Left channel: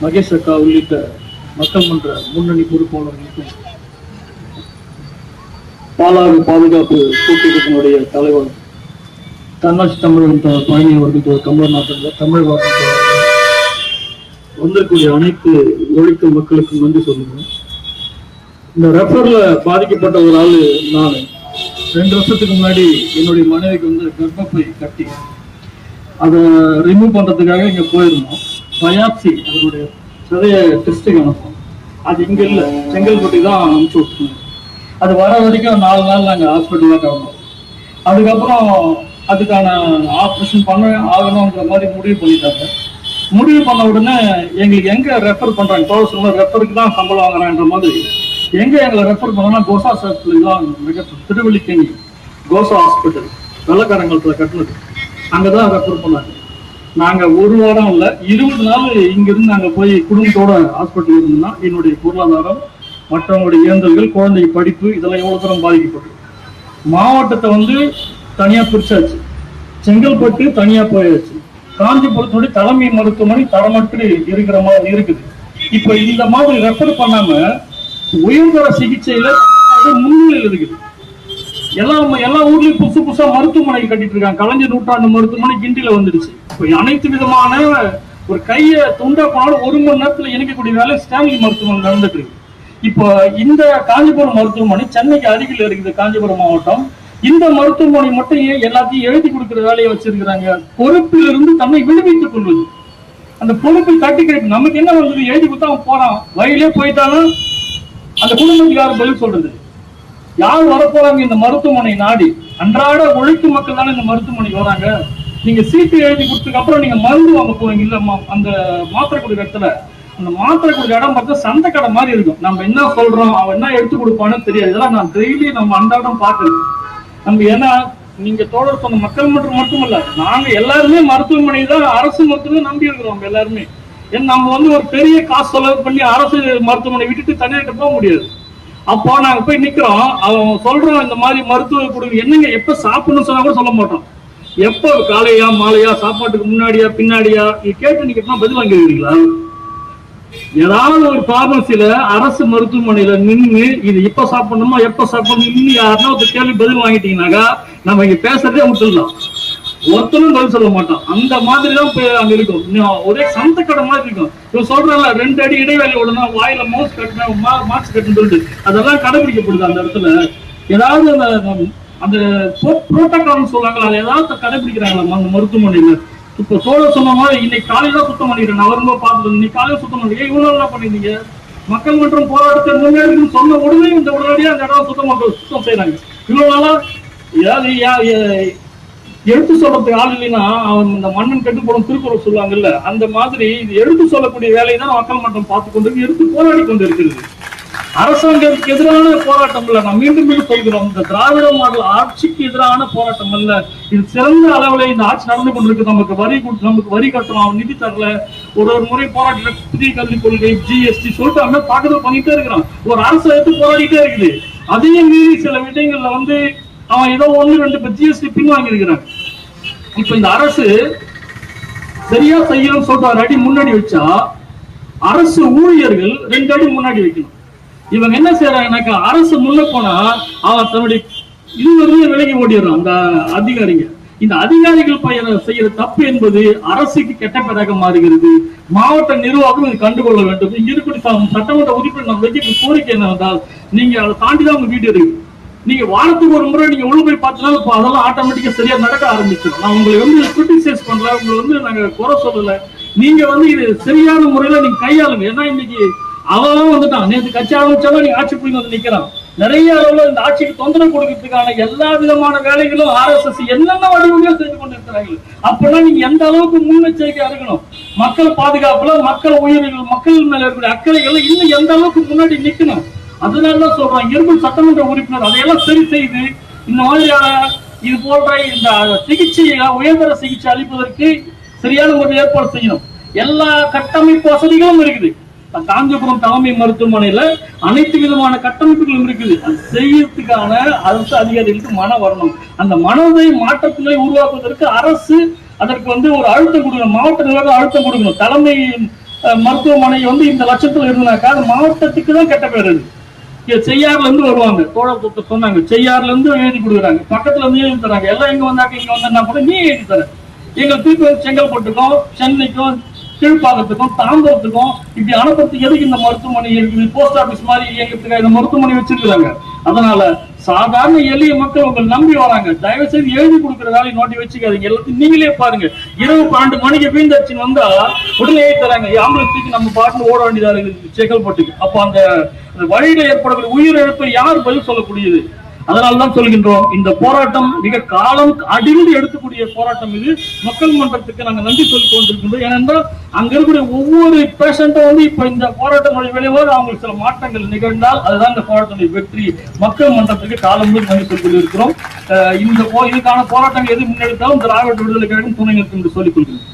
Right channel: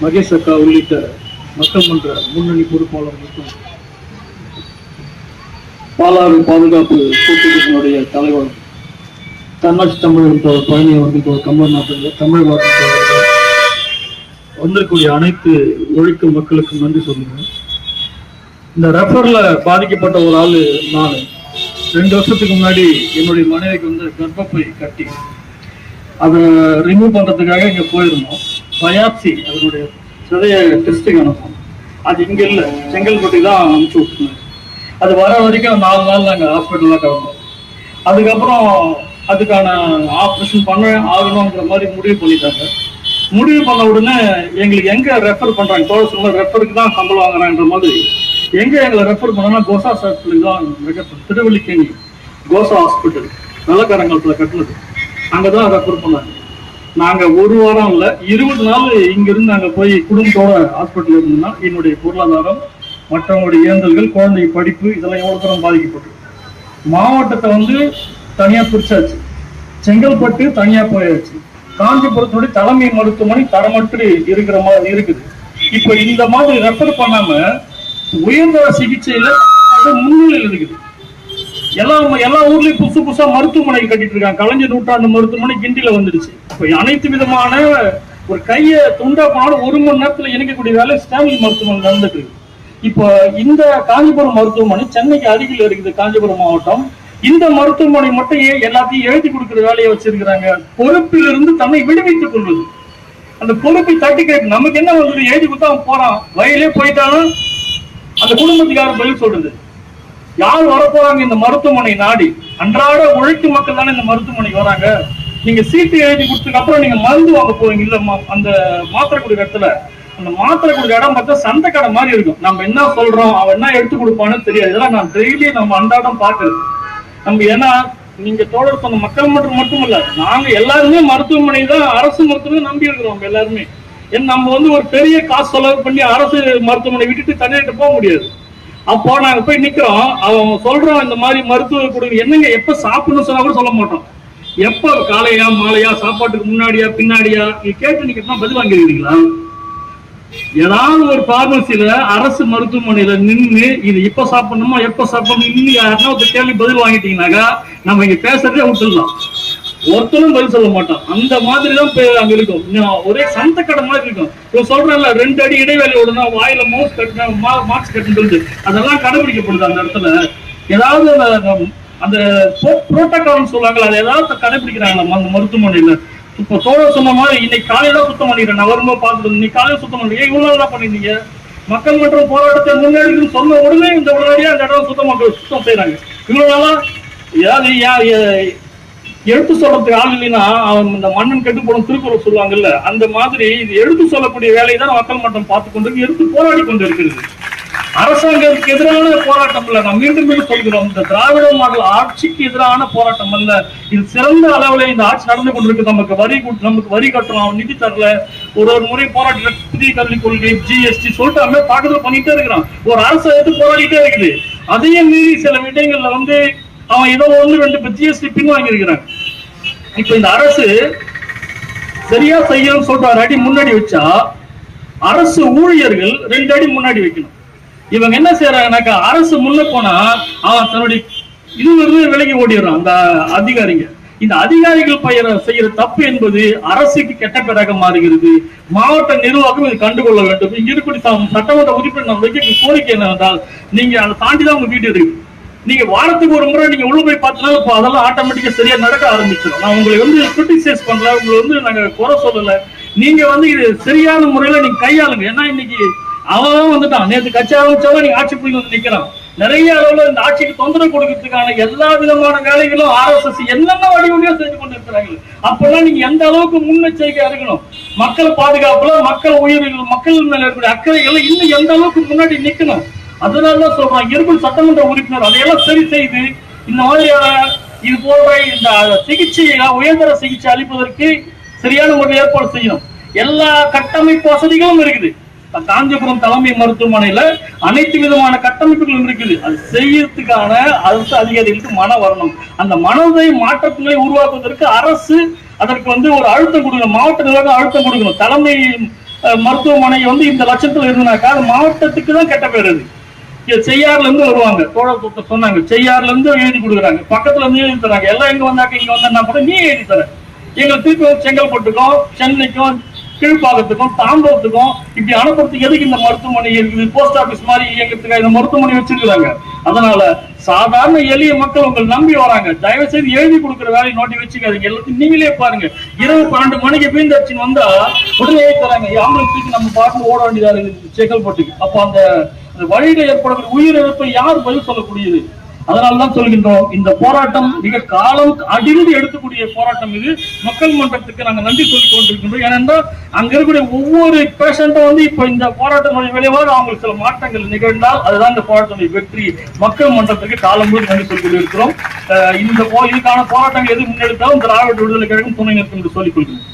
மகேஷ் அக்கா உள்ளிட்ட மக்கள் மன்ற முன்னணி பொறுப்பாளர்களுக்கும் பாலாறு பாதுகாப்பு கூட்டத்தினுடைய தலைவர் தன்னாட்சி தமிழகம் பழனி அவர்கள் தமிழ் மாற்றங்கள் தமிழ் வார்த்தை வந்திருக்கூடிய அனைத்து உழைக்கும் மக்களுக்கும் நன்றி சொல்லுங்க. இந்த ரெஃபர்ல பாதிக்கப்பட்ட ஒரு ஆளு நான் 2 வருஷத்துக்கு முன்னாடி என்னுடைய மனைவிக்கு கர்ப்பப்பை கட்டி அதை ரிமூவ் பண்றதுக்காக இங்க போயிருந்தோம். பயாப்சி அதனுடைய சதைய டெஸ்ட்டுக்கு அனுப்போம். அது இங்க இல்லை, செங்கல்பட்டி தான் அனுப்பிச்சு விட்டுருந்தோம். அது வர வரைக்கும் 4 நாள் நாங்கள் ஹாஸ்பிட்டலில் கிடந்தோம். அதுக்கப்புறம் அதுக்கான ஆப்ரேஷன் பண்ண ஆகணுன்ற மாதிரி முடிவு பண்ணிட்டாங்க. முடிவு பண்ண உடனே எங்களுக்கு எங்க ரெஃபர் பண்றாங்க, தோசை ரெஃபருக்கு தான் சம்பளம் வாங்குறாங்கன்ற மாதிரி எங்க எங்களை ரெஃபர் பண்ணோம்னா கோசா ஹாஸ்பிட்டல் தான் திருவள்ளிக்கேணி கோசா ஹாஸ்பிட்டல் வெள்ளக்காரங்கலத்தில் கட்டுனது, அங்கதான் ரெஃபர் பண்ணாங்க. நாங்க 1 வாரம் இல்லை 20 நாள் இங்கிருந்து நாங்க போய் குடும்பத்தோட ஹாஸ்பிட்டல் இருந்தோம்னா என்னுடைய பொருளாதாரம், மற்றவங்களுடைய இயந்திரங்கள், குழந்தை படிப்பு இதெல்லாம் எவ்வளவு தூரம் பாதிக்கப்பட்டது. மாவட்டத்தை தனியா பிரிச்சாச்சு, செங்கல்பட்டு தனியா போயாச்சு, காஞ்சிபுரத்துடைய தலைமை மருத்துவமனை தரமற்று இருக்கிற மாதிரி இருக்குது. இப்ப இந்த மாதிரி ரெஃபர் பண்ணாம உயர்தர சிகிச்சையில முன்னிலையில் இருக்குது. எல்லா ஊர்லயும் புதுசா மருத்துவமனை கட்டிட்டு இருக்காங்க. கலைஞர் நூற்றாண்டு மருத்துவமனை கிண்டில வந்துடுச்சு. இப்ப அனைத்து விதமான ஒரு கையை துண்டா போனாலும் 1 மணி நேரத்துல இணைக்கக்கூடிய வேலை ஸ்டான்லி மருத்துவமனை நடந்துட்டு இருக்கு. இப்போ இந்த காஞ்சிபுரம் மருத்துவமனை சென்னைக்கு அருகில் இருக்குது, காஞ்சிபுரம் மாவட்டம். இந்த மருத்துவமனை மட்டும் எல்லாத்தையும் எழுதி கொடுக்கிற வேலையை வச்சிருக்கிறாங்க. பொறுப்பிலிருந்து தன்னை விடுவித்துக் கொள்வது, அந்த பொறுப்பை தட்டி கேட்க நமக்கு என்ன வந்தது, எழுதி கொடுத்தா போறான், வயலே போயிட்டாலும் அந்த குடும்பத்துக்கு யாரும் பதில் சொல்றது, யார் வரப்போறாங்க இந்த மருத்துவமனை நாடி? அன்றாட உழைக்கும் மக்கள் தானே இந்த மருத்துவமனைக்கு வராங்க. நீங்க சீட்டு எழுதி கொடுத்ததுக்கு அப்புறம் நீங்க மருந்து வாங்க போறீங்க, இல்ல அந்த மாத்திரை கொடுக்குற இடத்துல அந்த மாத்திரை கொடுக்குற இடம் பார்த்தா சந்தை கடை மாதிரி இருக்கும். நம்ம என்ன சொல்றோம், அவன் என்ன எடுத்து கொடுப்பான்னு தெரியாது. இதெல்லாம் நான் டெய்லி நம்ம அன்றாடம் பாக்குறது. நம்ம ஏன்னா நீங்க தோழர் சொன்ன மக்கள் மட்டும் இல்ல, நாங்க எல்லாருமே மருத்துவமனை தான், அரசு மருத்துவமனை நம்பி இருக்கிறோம் எல்லாருமே. ஏன்னா நம்ம ஒரு பெரிய காசு செலவு பண்ணி அரசு மருத்துவமனை விட்டுட்டு தனியிட்டு போக முடியாது. அப்போ நாங்க போய் நிக்கிறோம், அவங்க சொல்றோம் இந்த மாதிரி மருத்துவ கொடுங்க, என்னங்க எப்ப சாப்பிடணும்னு சொன்னா கூட சொல்ல மாட்டோம். எப்ப காலையா மாலையா, சாப்பாட்டுக்கு முன்னாடியா பின்னாடியா கேட்டு நீங்க பதில் வாங்கிருக்கீங்களா? ஏதாவது ஒரு பார்மசியில அரசு மருத்துவமனையில நின்று இது எப்ப சாப்பிடணுமா எப்ப சாப்பிடணும் இன்னும் யாராவது கேள்வி பதில் வாங்கிட்டீங்கன்னாக்கா நம்ம இங்க பேசுறதே விட்டுடலாம். ஒருத்தரும் பதில் சொல்ல மாட்டோம். அந்த மாதிரிதான் அங்க இருக்கும். ஒரே சந்த கடை மாதிரி இருக்கும். இப்ப சொல்றேன்ல 2 அடி இடைவேளை விடனா வாயில மாஸ்க் கட்டுன்னு சொல்லிட்டு அதெல்லாம் கடைபிடிக்கப்படுது. அந்த இடத்துல ஏதாவது அந்த புரோட்டோகால் சொல்லுவாங்களா, அதை ஏதாவது கடைபிடிக்கிறாங்களா அந்த மருத்துவமனையில? இப்போ சோழ சொன்ன மாதிரி இன்னைக்கு காலையில சுத்தம் பண்ணிக்கிறேன், நான் வரும்போது பார்த்துட்டு இன்னைக்கு காலையில சுத்தம் பண்ணிக்கிறேன். இவ்வளவு என்ன பண்ணிருந்தீங்க? மக்கள் மற்றும் போராட்டத்தை முன்னேறி சொன்ன உடனே இந்த உடனடியா அந்த இடம் சுத்தம் செய்யறாங்க. இவ்வளவு நாளா ஏதாவது எடுத்து சொல்றதுக்கு ஆள் இல்லைன்னா இந்த மன்னன் கெட்டு போடும் திருக்குறள் சொல்லுவாங்கல்ல, அந்த மாதிரி இது எடுத்து சொல்லக்கூடிய வேலையை தான் மக்கள் மன்றம் பார்த்து கொண்டு எடுத்து போராடி கொண்டு இருக்கிறது. அரசாங்கத்துக்கு எதிரான போராட்டம் இல்ல, நான் மீண்டும் சொல்கிறோம், இந்த திராவிட மாடல் ஆட்சிக்கு எதிரான போராட்டம் அல்ல. இது சிறந்த அளவுல இந்த ஆட்சி நடந்து கொண்டிருக்கு. நமக்கு வரி கட்டணும், நிதி தரல, ஒரு முறை போராட்ட புதிய கல்விக் கொள்கை, ஜிஎஸ்டி சொல்லிட்டு தாக்குதல் பண்ணிட்டே இருக்கிறான். ஒரு அரசு எடுத்து போராடிட்டே இருக்குது. அதையும் மீறி சில விடயங்கள்ல அவன் ஏதோ 1-2 ஜிஎஸ்டி பின் வாங்கி இருக்கிறான். இப்ப இந்த அரசு சரியா செய்யணும்னு சொல்ற 1 அடி முன்னாடி வச்சா அரசு ஊழியர்கள் 2 அடி முன்னாடி வைக்கணும். இவங்க என்ன செய்யறாங்கன்னாக்கா, அரசு முன்ன போனா அவன் தன்னுடைய விலகி ஓடிடுறான் அந்த அதிகாரிங்க. இந்த அதிகாரிகள் செய்யற தப்பு என்பது அரசுக்கு கெட்ட பேராக மாறுகிறது. மாவட்ட நிர்வாகம் இது கண்டுகொள்ள வேண்டும். இங்க இருக்கக்கூடிய சட்டமன்ற உறுப்பினர் வைக்க கோரிக்கை என்னவென்றால், நீங்க அதை தாண்டிதான் உங்க வீட்டு இருக்கு. நீங்க வாரத்துக்கு 1 முறை நீங்க உள்ள போய் பார்த்தீங்கன்னா இப்போ அதெல்லாம் ஆட்டோமேட்டிக்கா சரியா நடக்க ஆரம்பிச்சிடும். நான் உங்களை கிரிட்டிசைஸ் பண்றேன், உங்களை நாங்க குறை சொல்லல. நீங்க இது சரியான முறையில நீங்க கையாளுங்க. ஏன்னா இன்னைக்கு அவன் வந்துட்டான், நேற்று கட்சி ஆரம்பிச்சவங்க நீங்க ஆட்சி புரிந்து நிக்கிறான். நிறைய அளவுல இந்த ஆட்சிக்கு தொந்தரவு கொடுக்கறதுக்கான எல்லா விதமான வேலைகளும் RSS என்னென்ன வடிவங்களோ செஞ்சு கொண்டு இருக்கிறாங்க. அப்பெல்லாம் நீங்க எந்த அளவுக்கு முன்னெச்சரிக்கையா இருக்கணும், மக்கள் பாதுகாப்புல, மக்கள் உயிர்கள், மக்கள் மேல இருக்கிற அக்கறைகள் இன்னும் எந்த அளவுக்கு முன்னாடி நிக்கணும். அதனாலதான் சொல்றாங்க, இருக்கும் சட்டமன்ற உறுப்பினர் அதையெல்லாம் சரி செய்து இந்த மாதிரியான இது போன்ற இந்த சிகிச்சையை, உயர்தர சிகிச்சை அளிப்பதற்கு சரியான முறையில் ஏற்பாடு செய்யணும். எல்லா கட்டமைப்பு வசதிகளும் இருக்குது. காஞ்சிபுரம் தலைமை மருத்துவமனையில அனைத்து விதமான கட்டமைப்புகளும் இருக்குது. அது செய்யறதுக்கான அரசு அதிகாரிகளுக்கு மனம் வரணும். அந்த மனதை மாற்றங்களை உருவாக்குவதற்கு அரசு அதற்கு ஒரு அழுத்தம் கொடுக்கணும். மாவட்ட நிர்வாகம் அழுத்தம் கொடுக்கணும். தலைமை மருத்துவமனை வந்து இந்த லட்சத்துல இருந்தாக்கா அது மாவட்டத்துக்கு தான் கெட்ட பேர். அது செய்யாறுல இருந்து வருவாங்க, தோழர் சொன்னாங்க, செய்யாறுல இருந்து எழுதி கொடுக்குறாங்க, பக்கத்துல இருந்து எழுதி தராங்க. எல்லாம் எங்க வந்தாக்க இங்க வந்தா கூட நீ எழுதி தர. எங்க திருப்பி செங்கல்பட்டுக்கும் சென்னைக்கும் கீழ்ப்பாக்கத்துக்கும் தாம்பரத்துக்கும் இப்படி அனுப்புறதுக்கு எதுக்கு இந்த மருத்துவமனை இருக்குது? போஸ்ட் ஆபீஸ் மாதிரி இயக்கிறதுக்காக இந்த மருத்துவமனை வச்சிருக்கிறாங்க. அதனால சாதாரண எளிய மக்கள் உங்களை நம்பி வராங்க. தயவு செய்து எழுதி கொடுக்குற வேலையை நோட்டி வச்சுக்காதீங்க. எல்லாத்தையும் நீங்களே பாருங்க. இரவு 12 மணிக்கு பீந்தடிச்சு வந்தா உடனே தராங்க. ஆம்புலன்ஸுக்கு நம்ம பாட்டு ஓட வேண்டியதா இருக்குது செங்கல்பட்டுக்கு. அப்போ அந்த வழியில ஏற்படக்கூடிய உயிரிழப்பை யார் பதில் சொல்லக்கூடியது? அதனால்தான் சொல்கின்றோம், இந்த போராட்டம் மிக காலம் அடிந்து எடுக்கக்கூடிய போராட்டம் இது. மக்கள் மன்றத்துக்கு நாங்கள் நன்றி சொல்லிக் கொண்டிருக்கின்றோம். ஏனென்றால் அங்க இருக்கக்கூடிய ஒவ்வொரு பேஷண்ட்டும் வந்து இப்ப இந்த போராட்டத்தினுடைய விளைவாக அவங்களுக்கு சில மாற்றங்கள் நிகழ்ந்தால் அதுதான் இந்த போராட்டத்தினுடைய வெற்றி. மக்கள் மன்றத்துக்கு காலம் முழுவதும் நன்றி சொல்லிக் கொண்டிருக்கிறோம். இதுக்கான போராட்டங்கள் எது முன்னெடுத்தாலும் திராவிட விடுதலை கழகம் துணை நிற்கும் என்று சொல்லிக் கொள்கிறோம்.